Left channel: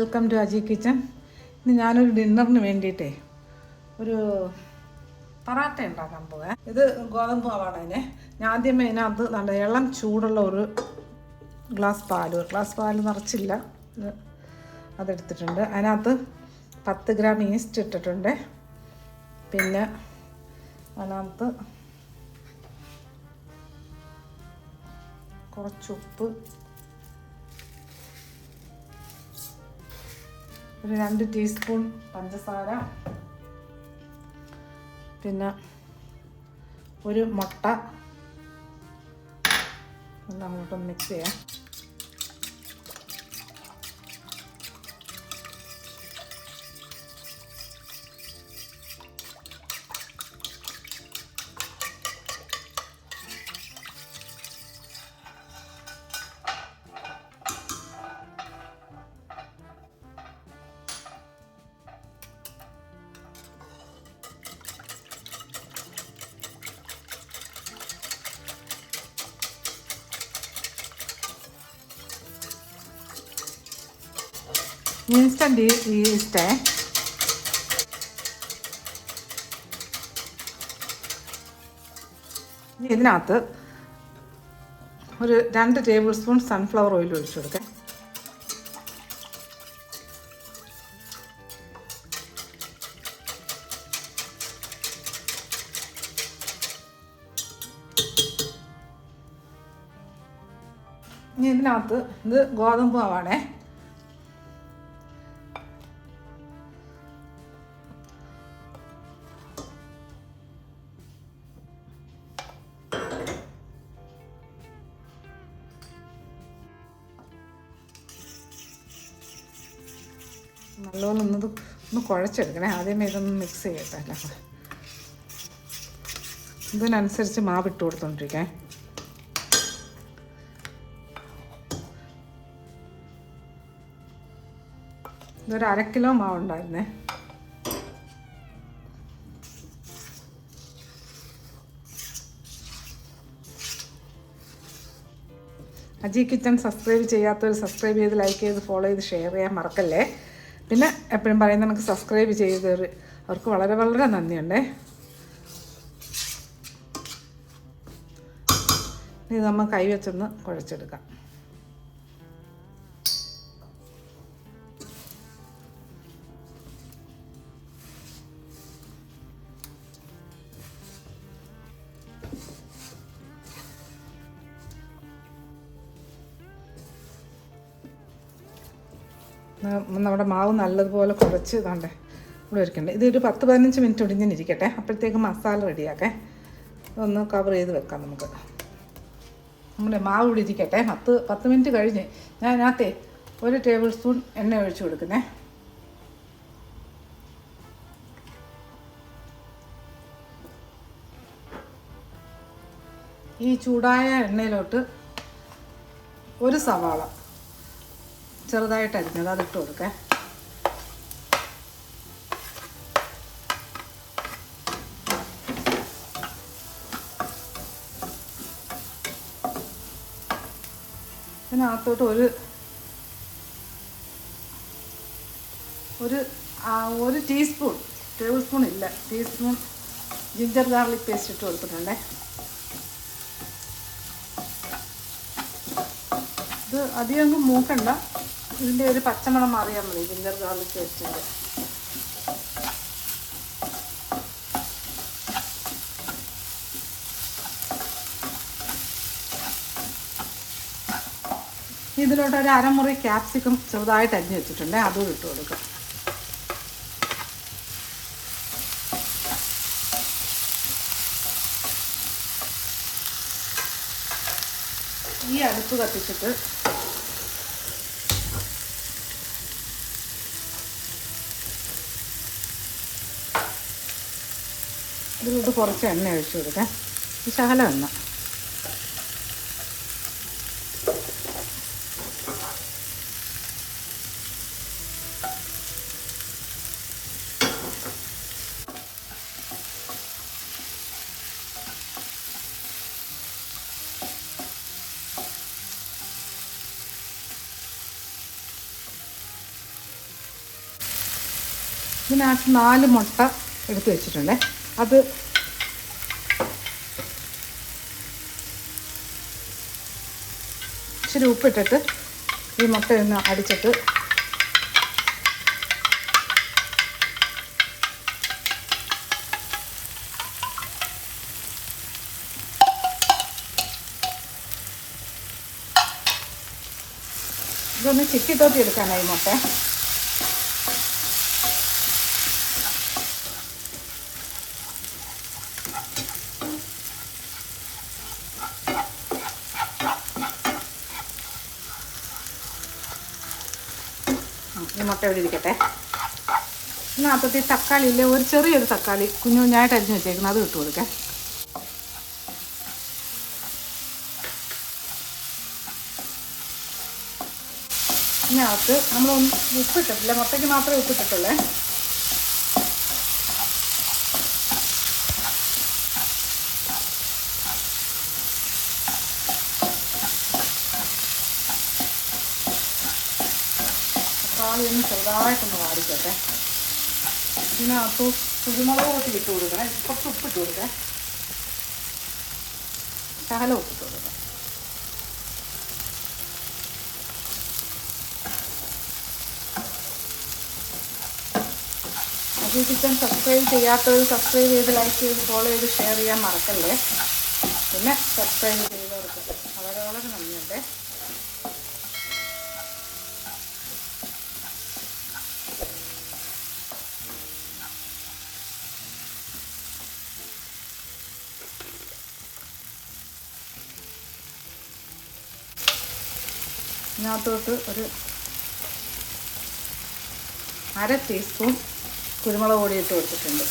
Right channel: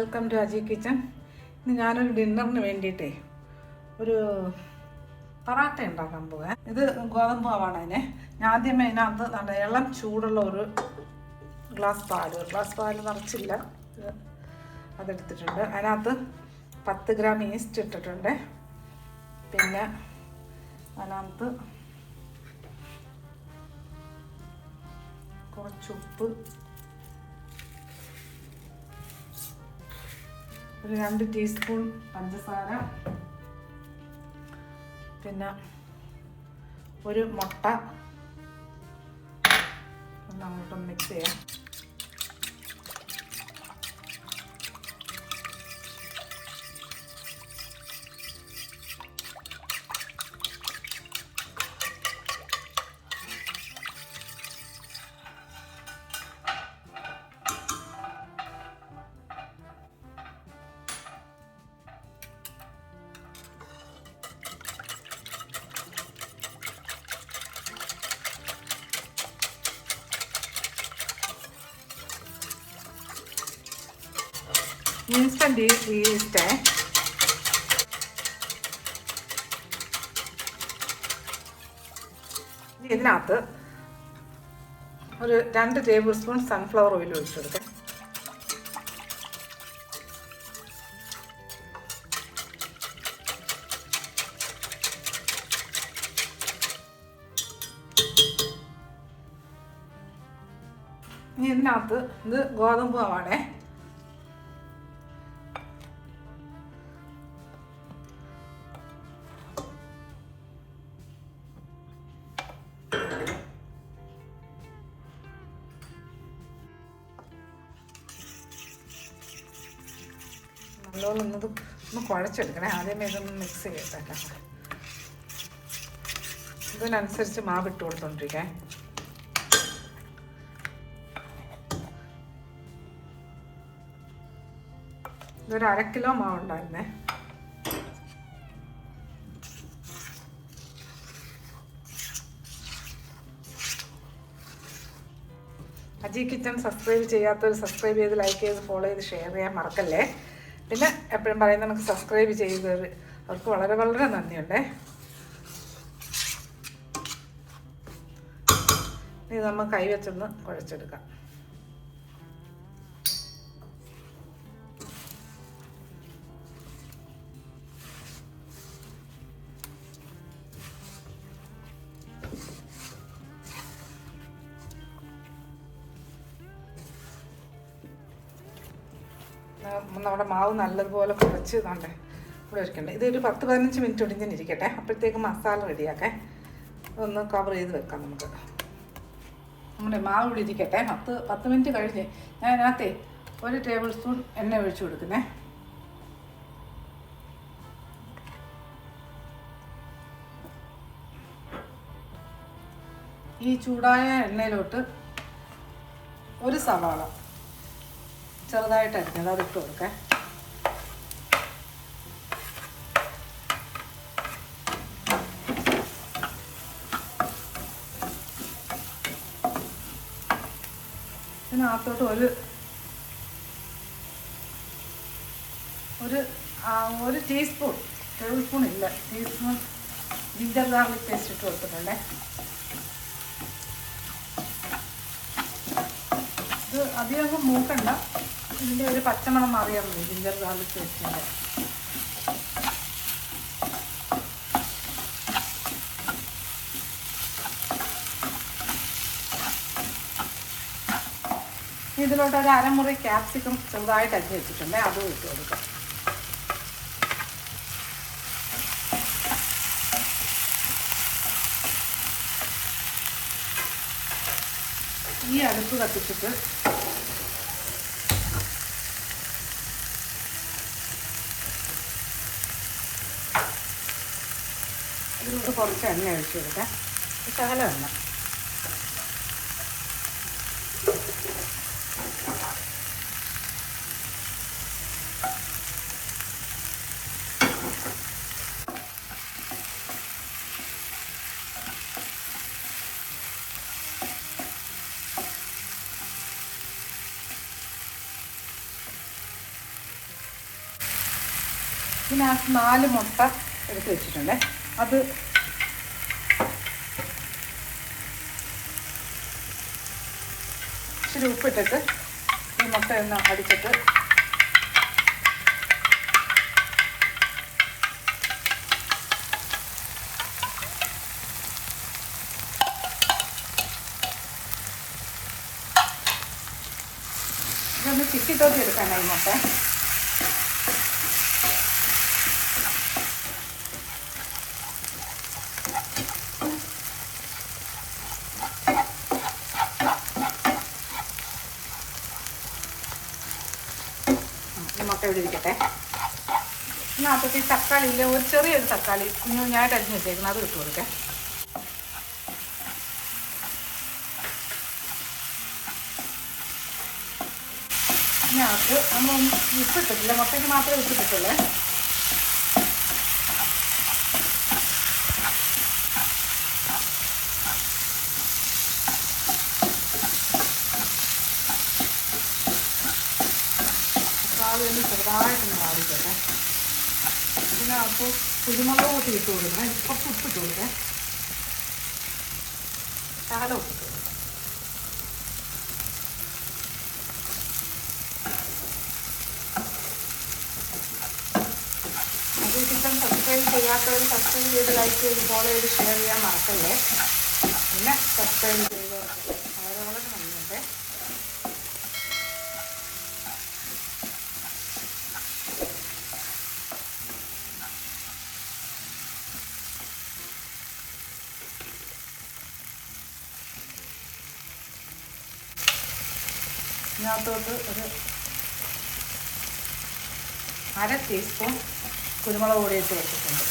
Welcome to Aji kitchen. ഇന്ന് ഞാനൊരു ഡിന്നറിന് വേണ്ടിയിട്ടേ ഒരു പൊറാട്ട ഉണ്ടാക്കാൻ പോകാം. ഇത് ഗോതമ്പ് മാവാണ്. ഞാൻ ആദ്യമേ ഇതിനകത്ത് നല്ല ഇളം ചൂടുള്ള ഒരു ഗ്ലാസ് പാൽ നിറച്ചില്ല, അതെടുത്തിട്ടുണ്ട്. അതിനകത്ത് 10 ഗ്രാം ഈസ്റ്റ് ഇട്ടിട്ടുണ്ട്. പിന്നെ അതിനകത്ത് കുറച്ച് ഉപ്പ്, ഒരു 2 ടീസ്പൂൺ പഞ്ചസാര, പിന്നെ ഒരു മുട്ട. അങ്ങോട്ടൊന്ന് മിക്സ് ചെയ്യാം. ഇൻസ്റ്റൻറ്റ് ഈസ്റ്റേ ഇതിനകത്ത് ഒരു 2 ടേബിൾ സ്പൂൺ സൺഫ്ലവർ ഓയിൽ ഒഴിച്ചു കൊടുക്കാം. ഇതിനകത്ത് ഇത് ഗോതമ്പ് മാവാണേ. നല്ലോണം ഒന്ന് കുഴച്ചെടുക്കണേ. ആദ്യമേ ഇതൊന്ന് മിക്സ് ചെയ്തിട്ടല്ല, ഇതിനനുസരിച്ച് മാവ് ഇട്ട് കൊടുത്തോണ്ടിരിക്കേ. ഇതൊരു 1/2 കിലോ മാവുണ്ടായിരുന്നേ. അജി കിച്ചൻ സബ്സ്ക്രൈബ് ചെയ്യാത്തവർ സബ്സ്ക്രൈബ് ചെയ്ത്, ലൈക്ക് ചെയ്ത്, ഫോളോ ചെയ്ത്, ഷെയർ ചെയ്യാൻ മറക്കല്ലേ. പിന്നെ എപ്പോഴും പറയുന്നത് നമുക്ക് സബ്സ്ക്രൈബ് ചെയ്തവർ അവർക്ക് വളരെ വളരെ നന്ദിയുണ്ടേ. ഇത് നമ്മൾ കൈവച്ചൊന്ന് കുഴച്ചെടുക്കാം. നമ്മുടെ മാവ് നല്ലതുപോലെ കുഴച്ച് ഇതാണ്ടേ ഇവിടെ ഇരിക്കണ്ടേ. ഇതൊരു 10-15 മിനിറ്റ് ഒടിഞ്ഞിരിക്കട്ടെ. അപ്പോഴത്തേക്ക് മസാല റെഡിയാക്കേ. ഒന്ന് കവർ ചെയ്ത് വെക്കാം നമുക്ക്. നമ്മുടെ മാവ് ഇവിടെ ഇരിക്കട്ടെ. 10 മിനിറ്റ് കഴിഞ്ഞ് ഞാൻ അതിനകത്തെ 1 ടേബിൾ സ്പൂൺ എണ്ണ ഒഴിച്ചു കൊടുക്കുന്നേ. ഈ ചൂടായ എണ്ണയിലോട്ട് ഒരു സവാള ചെറുതായിട്ട് അരിഞ്ഞത് അതിട്ട് കൊടുക്കാം. ഇതിനകത്തോട്ട് ഒരു ടീസ്പൂൺ, ടേബിൾ സ്പൂൺ ഇല്ല, ടീസ്പൂൺ ജിഞ്ചർ ഗാർലിക് പേസ്റ്റ് ഇട്ട് കൊടുത്തിട്ടുണ്ടേ. ഇത് അധികം മൂക്കണ്ട, ഇതിൻ്റെ ഒരു പച്ചമണം മാറിയാൽ മതി. ജിഞ്ചർ ഗാർലിക് പേസ്റ്റിൻ്റെ ഇതിലോട്ട് ഒരു 1/2 മുറി ക്യാപ്സിക്കം ചെറുതായിട്ട് അരിഞ്ഞ് വെച്ചിട്ടുണ്ട്, അതും ഇട്ട് കൊടുക്കാം. ഈ അടുപ്പ് കത്തിച്ചിട്ട് ഇതിലോട്ട് കുറച്ച് എണ്ണ ഒഴിച്ചു കൊടുക്കാം. ശകലം എണ്ണ. ഇതിനകത്ത് 4 മുട്ട എടുത്ത് വെച്ചിട്ടുണ്ട്. അത് ഇച്ചിരി ഉപ്പിട്ടിട്ട് ഈ മുട്ട ഒന്ന് അടിച്ചിട്ട് ഇതൊന്ന് ചിക്കിത്തോട്ടി എടുക്കാനായി മുട്ട. മുട്ട ഇവിടെ ഇരിക്കട്ടെ. ഇതിനകത്തൊക്കെ തക്കാളി ഇല്ലേ, ഒരു ചെറിയൊരു തക്കാളി കുഞ്ഞുഞ്ഞായിട്ട് അരിഞ്ഞ് വെച്ചേക്കുന്നത് അത് ഇട്ട് കൊടുക്കാം. ഇതിനകത്ത് നമ്മളൊന്നും ഉപ്പിട്ടിട്ടില്ല, മുട്ടയ്ക്ക് മാത്രമേ ഉപ്പിട്ടിട്ടുള്ളേ. പാലിന് ചെറുതായിട്ടൊന്ന് വാടിക്കട്ടെ. ഇതിനകത്ത് കുരുമുളക് കൂട്ടി ഇട്ട് കൊടുക്കണം. കുറച്ച് ഉപ്പിട്ട് കൊടുക്കാം. ശകലം ഉപ്പിട്ട് കൊടുക്കാം. ഈ ചിക്കൻ സബ്സ്ക്രൈബ് ചെയ്യാത്തവർ സബ്സ്ക്രൈബ് ചെയ്ത് ലൈക്ക് ചെയ്ത് ഫോളോ ചെയ്ത് ഷെയർ ചെയ്യാൻ മറക്കണ്ടേ. പിന്നെ സബ്സ്ക്രൈബ് ചെയ്തവർക്ക് വളരെ വളരെ നന്ദിയുണ്ട്. ഇതിനകത്തോട്ട് ഒരു 1/2 ടീസ്പൂൺ കുരുമുളക് പൊടി ഇട്ട് വെച്ചിട്ടുണ്ട്.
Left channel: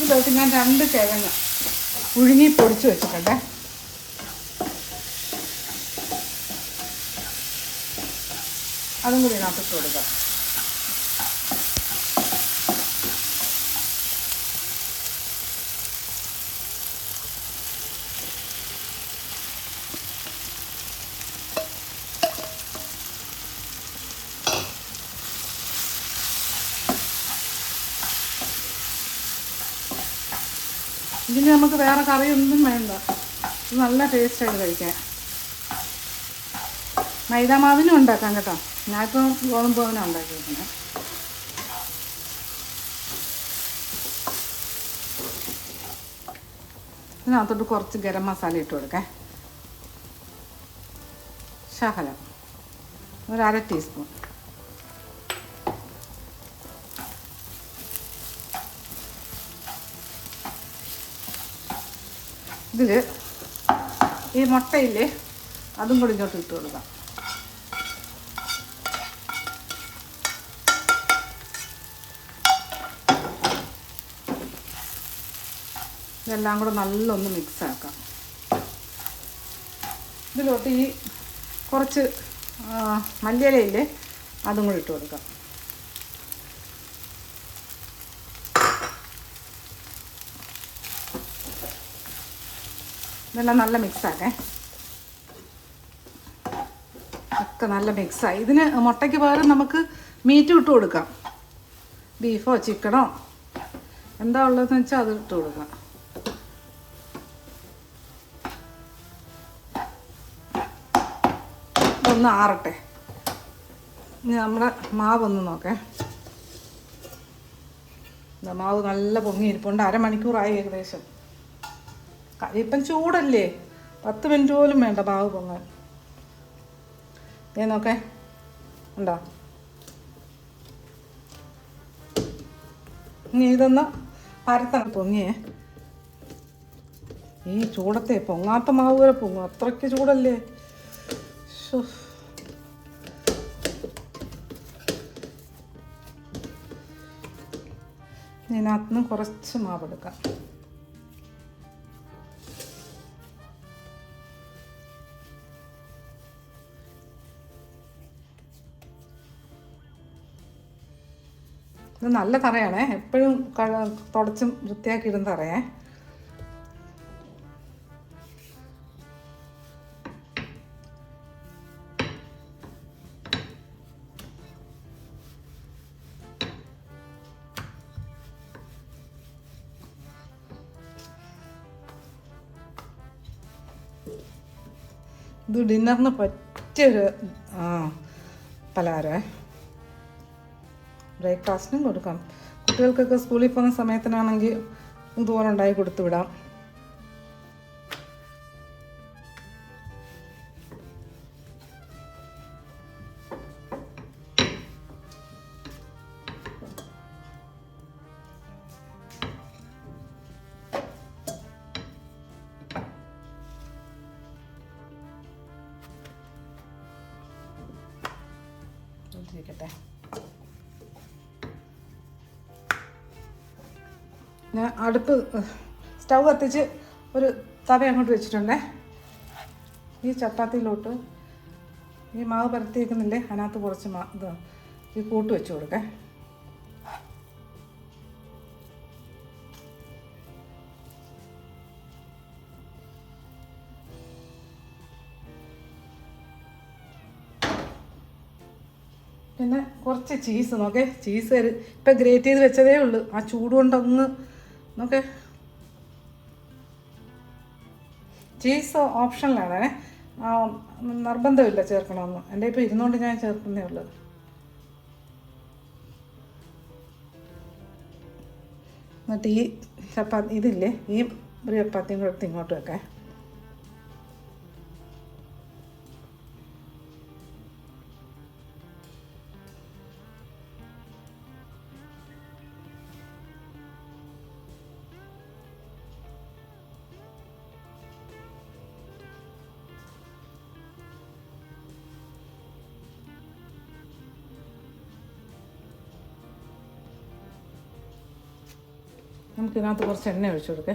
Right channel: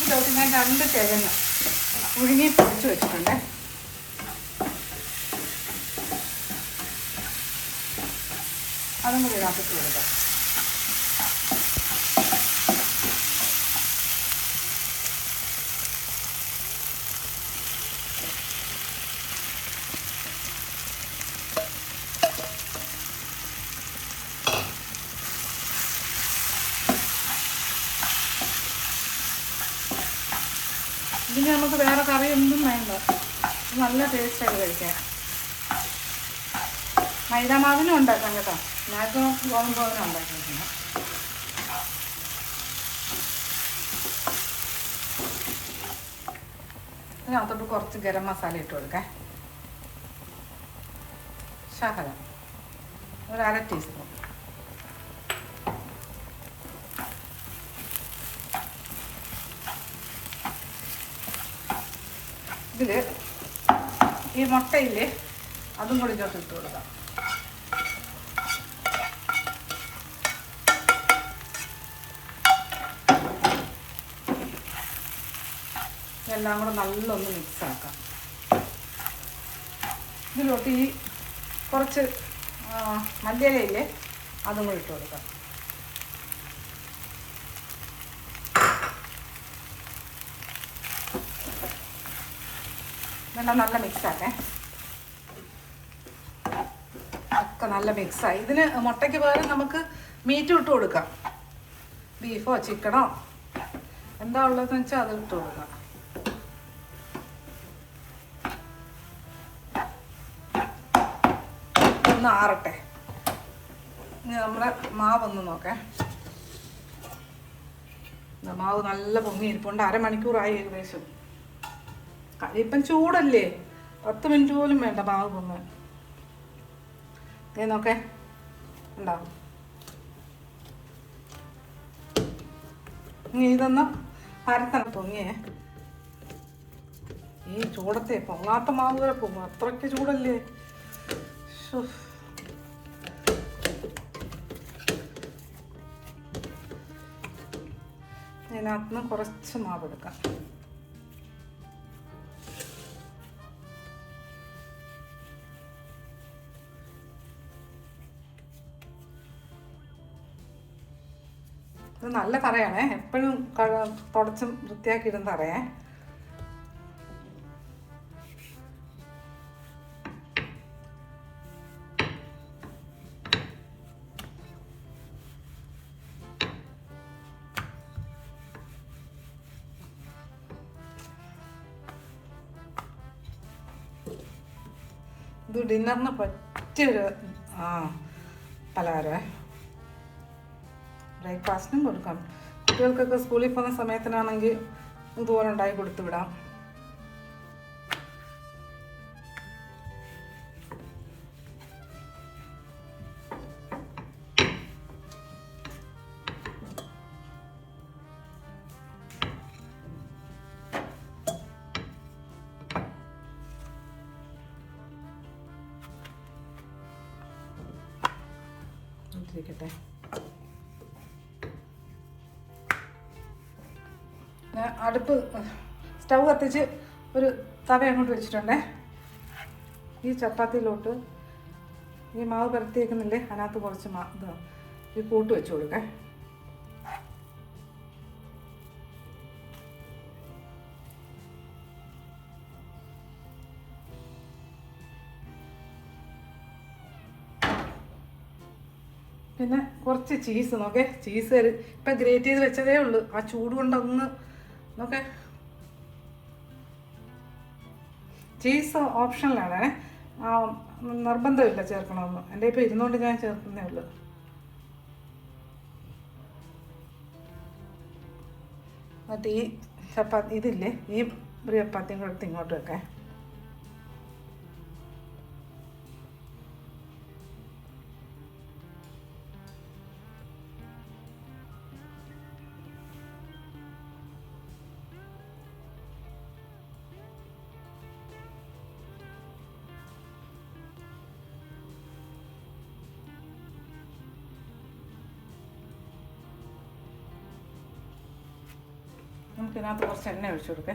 ഇതിലോട്ട് ഞാൻ 2 കിഴങ്ങ് പുഴുങ്ങി പൊടിച്ച് വെച്ചിട്ടുണ്ട്. അതും കൂടി ഇതിനകത്ത് കൊടുക്കാം. ഇതിന് നമുക്ക് വേറെ കറിയൊന്നും വേണ്ട. നല്ല ടേസ്റ്റായിട്ട് കഴിക്കാം. മൈദാമാവിനും ഉണ്ടാക്കാം കേട്ടോ. ഞാനിപ്പോൾ ഗോതമ്പ് ദോശ ഉണ്ടാക്കിയിരിക്കുന്നത്. ഇതിനകത്തോട്ട് കുറച്ച് ഗരം മസാല ഇട്ട് കൊടുക്കാം. ശകലം ഒരു 1/2 ടീസ്പൂൺ. ഇതിൽ ഈ മുട്ടയില്ലേ അതും കൂടി ഇങ്ങോട്ട് ഇട്ട് കൊടുക്കാം. ഇതെല്ലാം കൂടെ നല്ലൊന്ന് മിക്സാക്കാം. ഇതിലോട്ട് ഈ കുറച്ച് മല്ലിയിലയില്ലേ അതും കൂടി ഇട്ട് കൊടുക്കാം. ഇതെല്ലാം നല്ല മിക്സാക്കേ. ഒക്കെ നല്ല മിക്സായി. ഇതിന് മുട്ടയ്ക്ക് പകരം നമുക്ക് മീറ്റ് ഇട്ട് കൊടുക്കാം. ബീഫോ ചിക്കനോ എന്താ ഉള്ളതെന്ന് വെച്ചാൽ അത് ഇട്ട് കൊടുക്കാം. ഒന്ന് ആറട്ടെ. ഇനി നമ്മുടെ മാവൊന്ന് നോക്കേ. മാവ് നല്ല പൊങ്ങി ഇരിപ്പുണ്ട്. 1/2 മണിക്കൂറായി ഏകദേശം. ഇപ്പം ചൂടല്ലേ, 10 മിനിറ്റ് പോലും വേണ്ട മാവ് പൊങ്ങാൻ. നോക്കേ ഉണ്ടോ. ഇനി ഇതൊന്ന് പരത്തണം. പൊങ്ങിയേ ഈ ചൂടത്തെ പൊങ്ങാത്ത മാവ് വരെ പൊങ്ങും. അത്രയ്ക്ക് ചൂടല്ലേ. ഇതിനകത്തുനിന്ന് കുറച്ച് മാവ് എടുക്കാം. ഇത് നല്ല തറയാണേ. എപ്പോഴും തുടച്ചും വൃത്തിയാക്കി ഇടുന്ന തറയേ. ഇത് ഡിന്നറിന് പറ്റിയൊരു പലഹാരമേ. ബ്രേക്ക്ഫാസ്റ്റിനും കൊടുക്കാം. കുട്ടികൾക്കൊക്കെ സ്കൂളിൽ പോകുന്ന സമയത്തിനാണെങ്കിൽ ഇതുപോലെ ഉണ്ടാക്കി കൊടുത്തു വിടാം. ഇരിക്കട്ടെ. ഞാൻ അടുപ്പ് സ്റ്റൗ കത്തിച്ച് ഒരു തവ അങ്ങോട്ട് വെച്ചിട്ടുണ്ടേ. ഈ ചപ്പാത്തിയിലോട്ട് ഈ മാവ് പരത്തി വയ്ക്കുന്നില്ലേ, അതിനകത്ത് കുറച്ച് ഈ കൂട്ട് വെച്ച് കൊടുക്കേ. പിന്നെ കുറച്ച് ചീസ് നോക്കേ. ചീസ് ഇപ്പം ഗ്രേറ്റ് ചെയ്ത് വെച്ചതേ ഉള്ളൂ. ആ ചൂട് കൊണ്ടൊന്ന് നോക്കേ. ചീസ് ഓപ്ഷനിലാണ്, നിർബന്ധമില്ല ചേർക്കണമെന്ന്. എൻ്റെ ഇപ്പോൾ ഇരുന്നുകൊണ്ട് ഞാൻ ചേർക്കുന്നേ ഉള്ളത്. എന്നിട്ട് ഈ ചപ്പാത്തി ഇതില്ലേ, ഈ ഒരു ചപ്പാത്തിയും കൂടെ എടുത്ത് ഇങ്ങോട്ട് വെക്കാം. നമുക്കിതിനകത്ത് കുറച്ച് എണ്ണ ഒഴിച്ചു കൊടുക്കേ.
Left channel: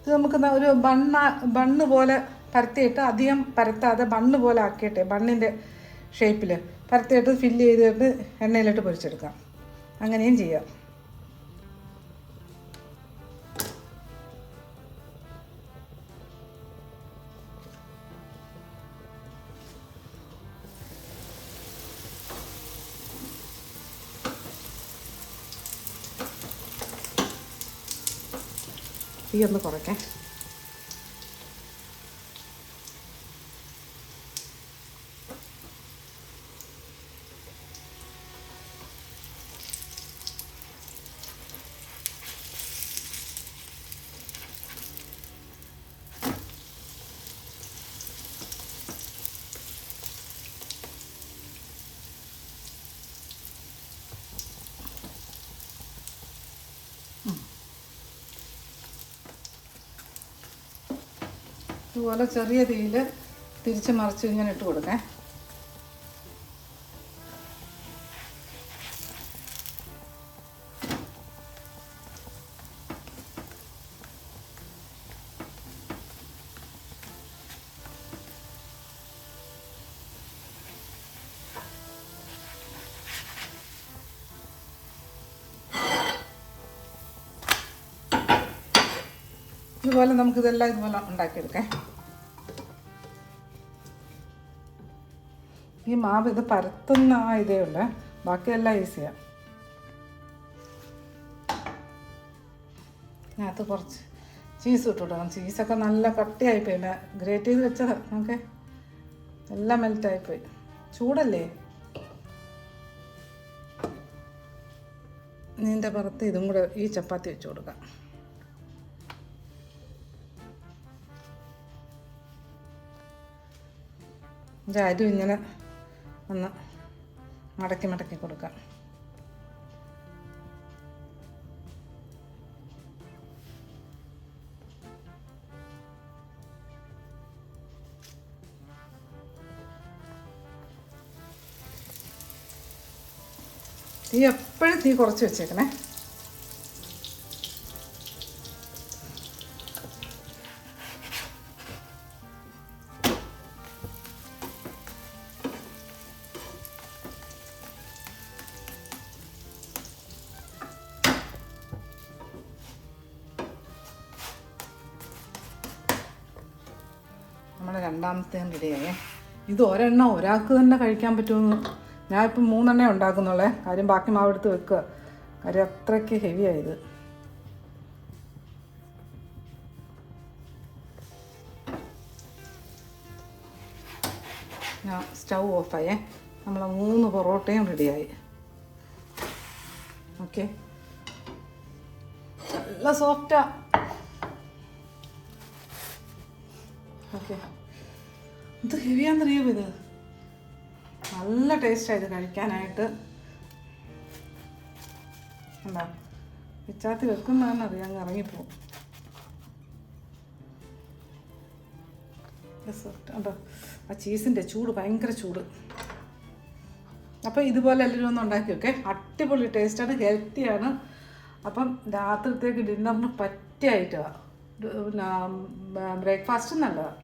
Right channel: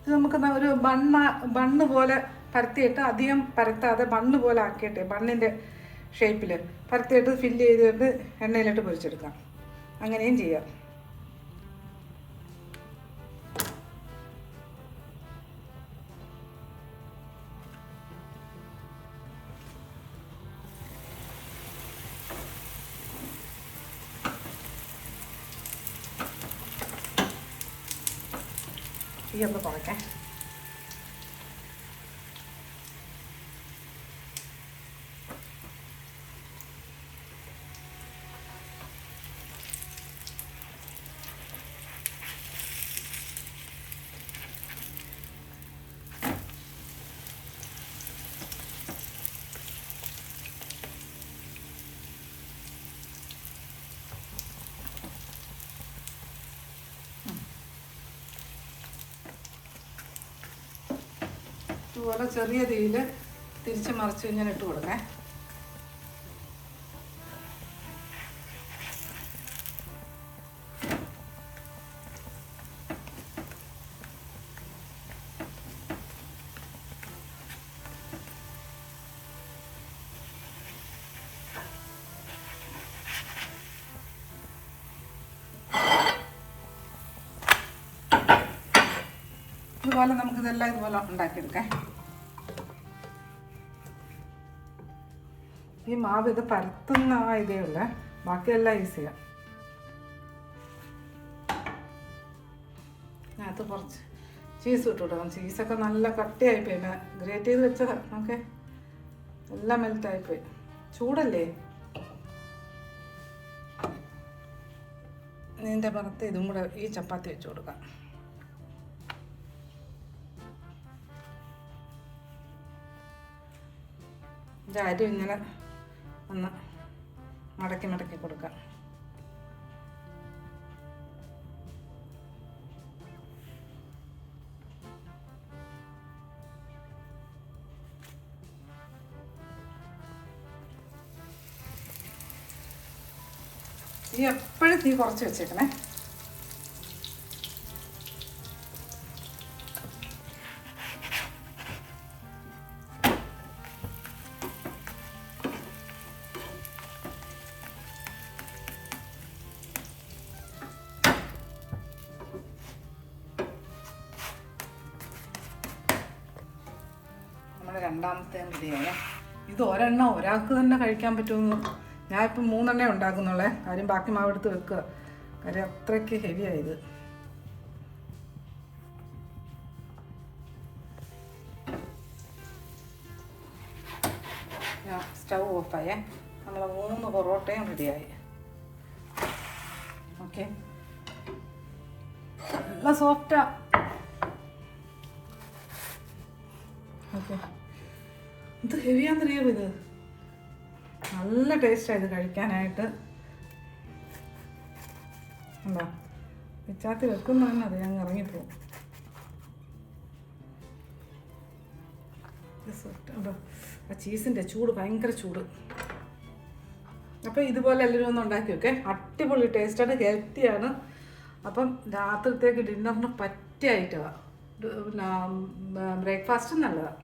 ഇത് നമുക്ക് ഒരു ബണ്ണ് പോലെ പരത്തിയിട്ട്, അധികം പരത്താതെ ബണ്ണ് പോലെ ആക്കിയിട്ടെ, ബണ്ണിൻ്റെ ഷേപ്പിൽ പരത്തിയിട്ട് ഫില്ല് ചെയ്തിട്ട് എണ്ണയിലിട്ട് പൊരിച്ചെടുക്കാം. അങ്ങനെയും ചെയ്യാം. ഈ ഒന്ന് കുറയ്ക്കാം. ഇതുപോലെ ചെറിയ തീയിൽ തിരിച്ച് മറിച്ച് ഇങ്ങനെ ഇട്ട് കൊടുക്കേ. ഇതുപോലെ നമുക്കിതെല്ലാം ഇതുപോലെ ഉണ്ടാക്കിയെടുക്കാം. ഈ മാവ് ഇത് പരത്തുന്ന ഇതേ ഉള്ളൂ, ബാക്കിയെല്ലാം ഈസിയാണ്. അതിനകത്ത് കുറച്ച് ചീസ് ഇട്ട് കൊടുക്കണം. ചീസൊക്കെ നല്ല കട്ടിയായിപ്പോയി, ഗ്രേറ്റ് ചെയ്ത് വെച്ചത്. ഓക്കെ, എല്ലാം മെൽറ്റായിപ്പോയി. ചൂടല്ലേ. ഇതിൻ്റെ പുറത്ത് ഇതും കൂടെ ഈ ചപ്പാത്തി വെച്ച് കൊടുക്കാം. ഇതും ഇങ്ങനെ ഒന്ന് മടക്കി മടക്കി കൊടുക്കാം. തീ എപ്പോഴും തീ കുറച്ച് വെച്ചേക്കണേ. രണ്ടാമത്തെ റെഡിയായേ. ഇത് ഒരെണ്ണം ഒരാൾക്ക് തന്നെ കഴിക്കാൻ പറ്റുമെന്ന് ഞാനിപ്പോൾ 3 ഉണ്ടാക്കുന്നുള്ളേ. കാര്യം ബാക്കി മാവ് എടുത്ത് വെക്കുക. കാര്യം അത്രയ്ക്ക് ഹെവിയായത്. ഞാൻ സ്റ്റൗ ഓഫായേ. നമ്മളെ 3 പൊറോട്ടയും റെഡിയായി. ഓക്കെ, നല്ല സോഫ്റ്റാ. ഓക്കെ, ഇത് ഹെവിയാന്നറിയോ? ഇത് നല്ല ടേസ്റ്റാണ് ഇത് കഴിക്കാനായിട്ട്. എന്താ പിച്ചാത്തി വെക്കുന്നതെന്നറിയാം, അങ്ങ് ഇറങ്ങിപ്പോവും. ഉണ്ടോ ആ ചീസിൻ്റെ ചൂട്, ഭയങ്കര ചൂട്. അപ്പോൾ ഇതുപോലെ എല്ലാവരും ഒന്ന് ഉണ്ടാക്കി വെക്കേ. അടിപൊളി ടേസ്റ്റാണ്, ഹെൽത്തിയാണ്. അപ്പം രാത്രിത്തേക്ക് ഡിന്നറിന് പറ്റിയ ഐറ്റമാണ്. പിന്നെ ബ്രേക്ക്ഫാസ്റ്റ് നല്ലതാണ്.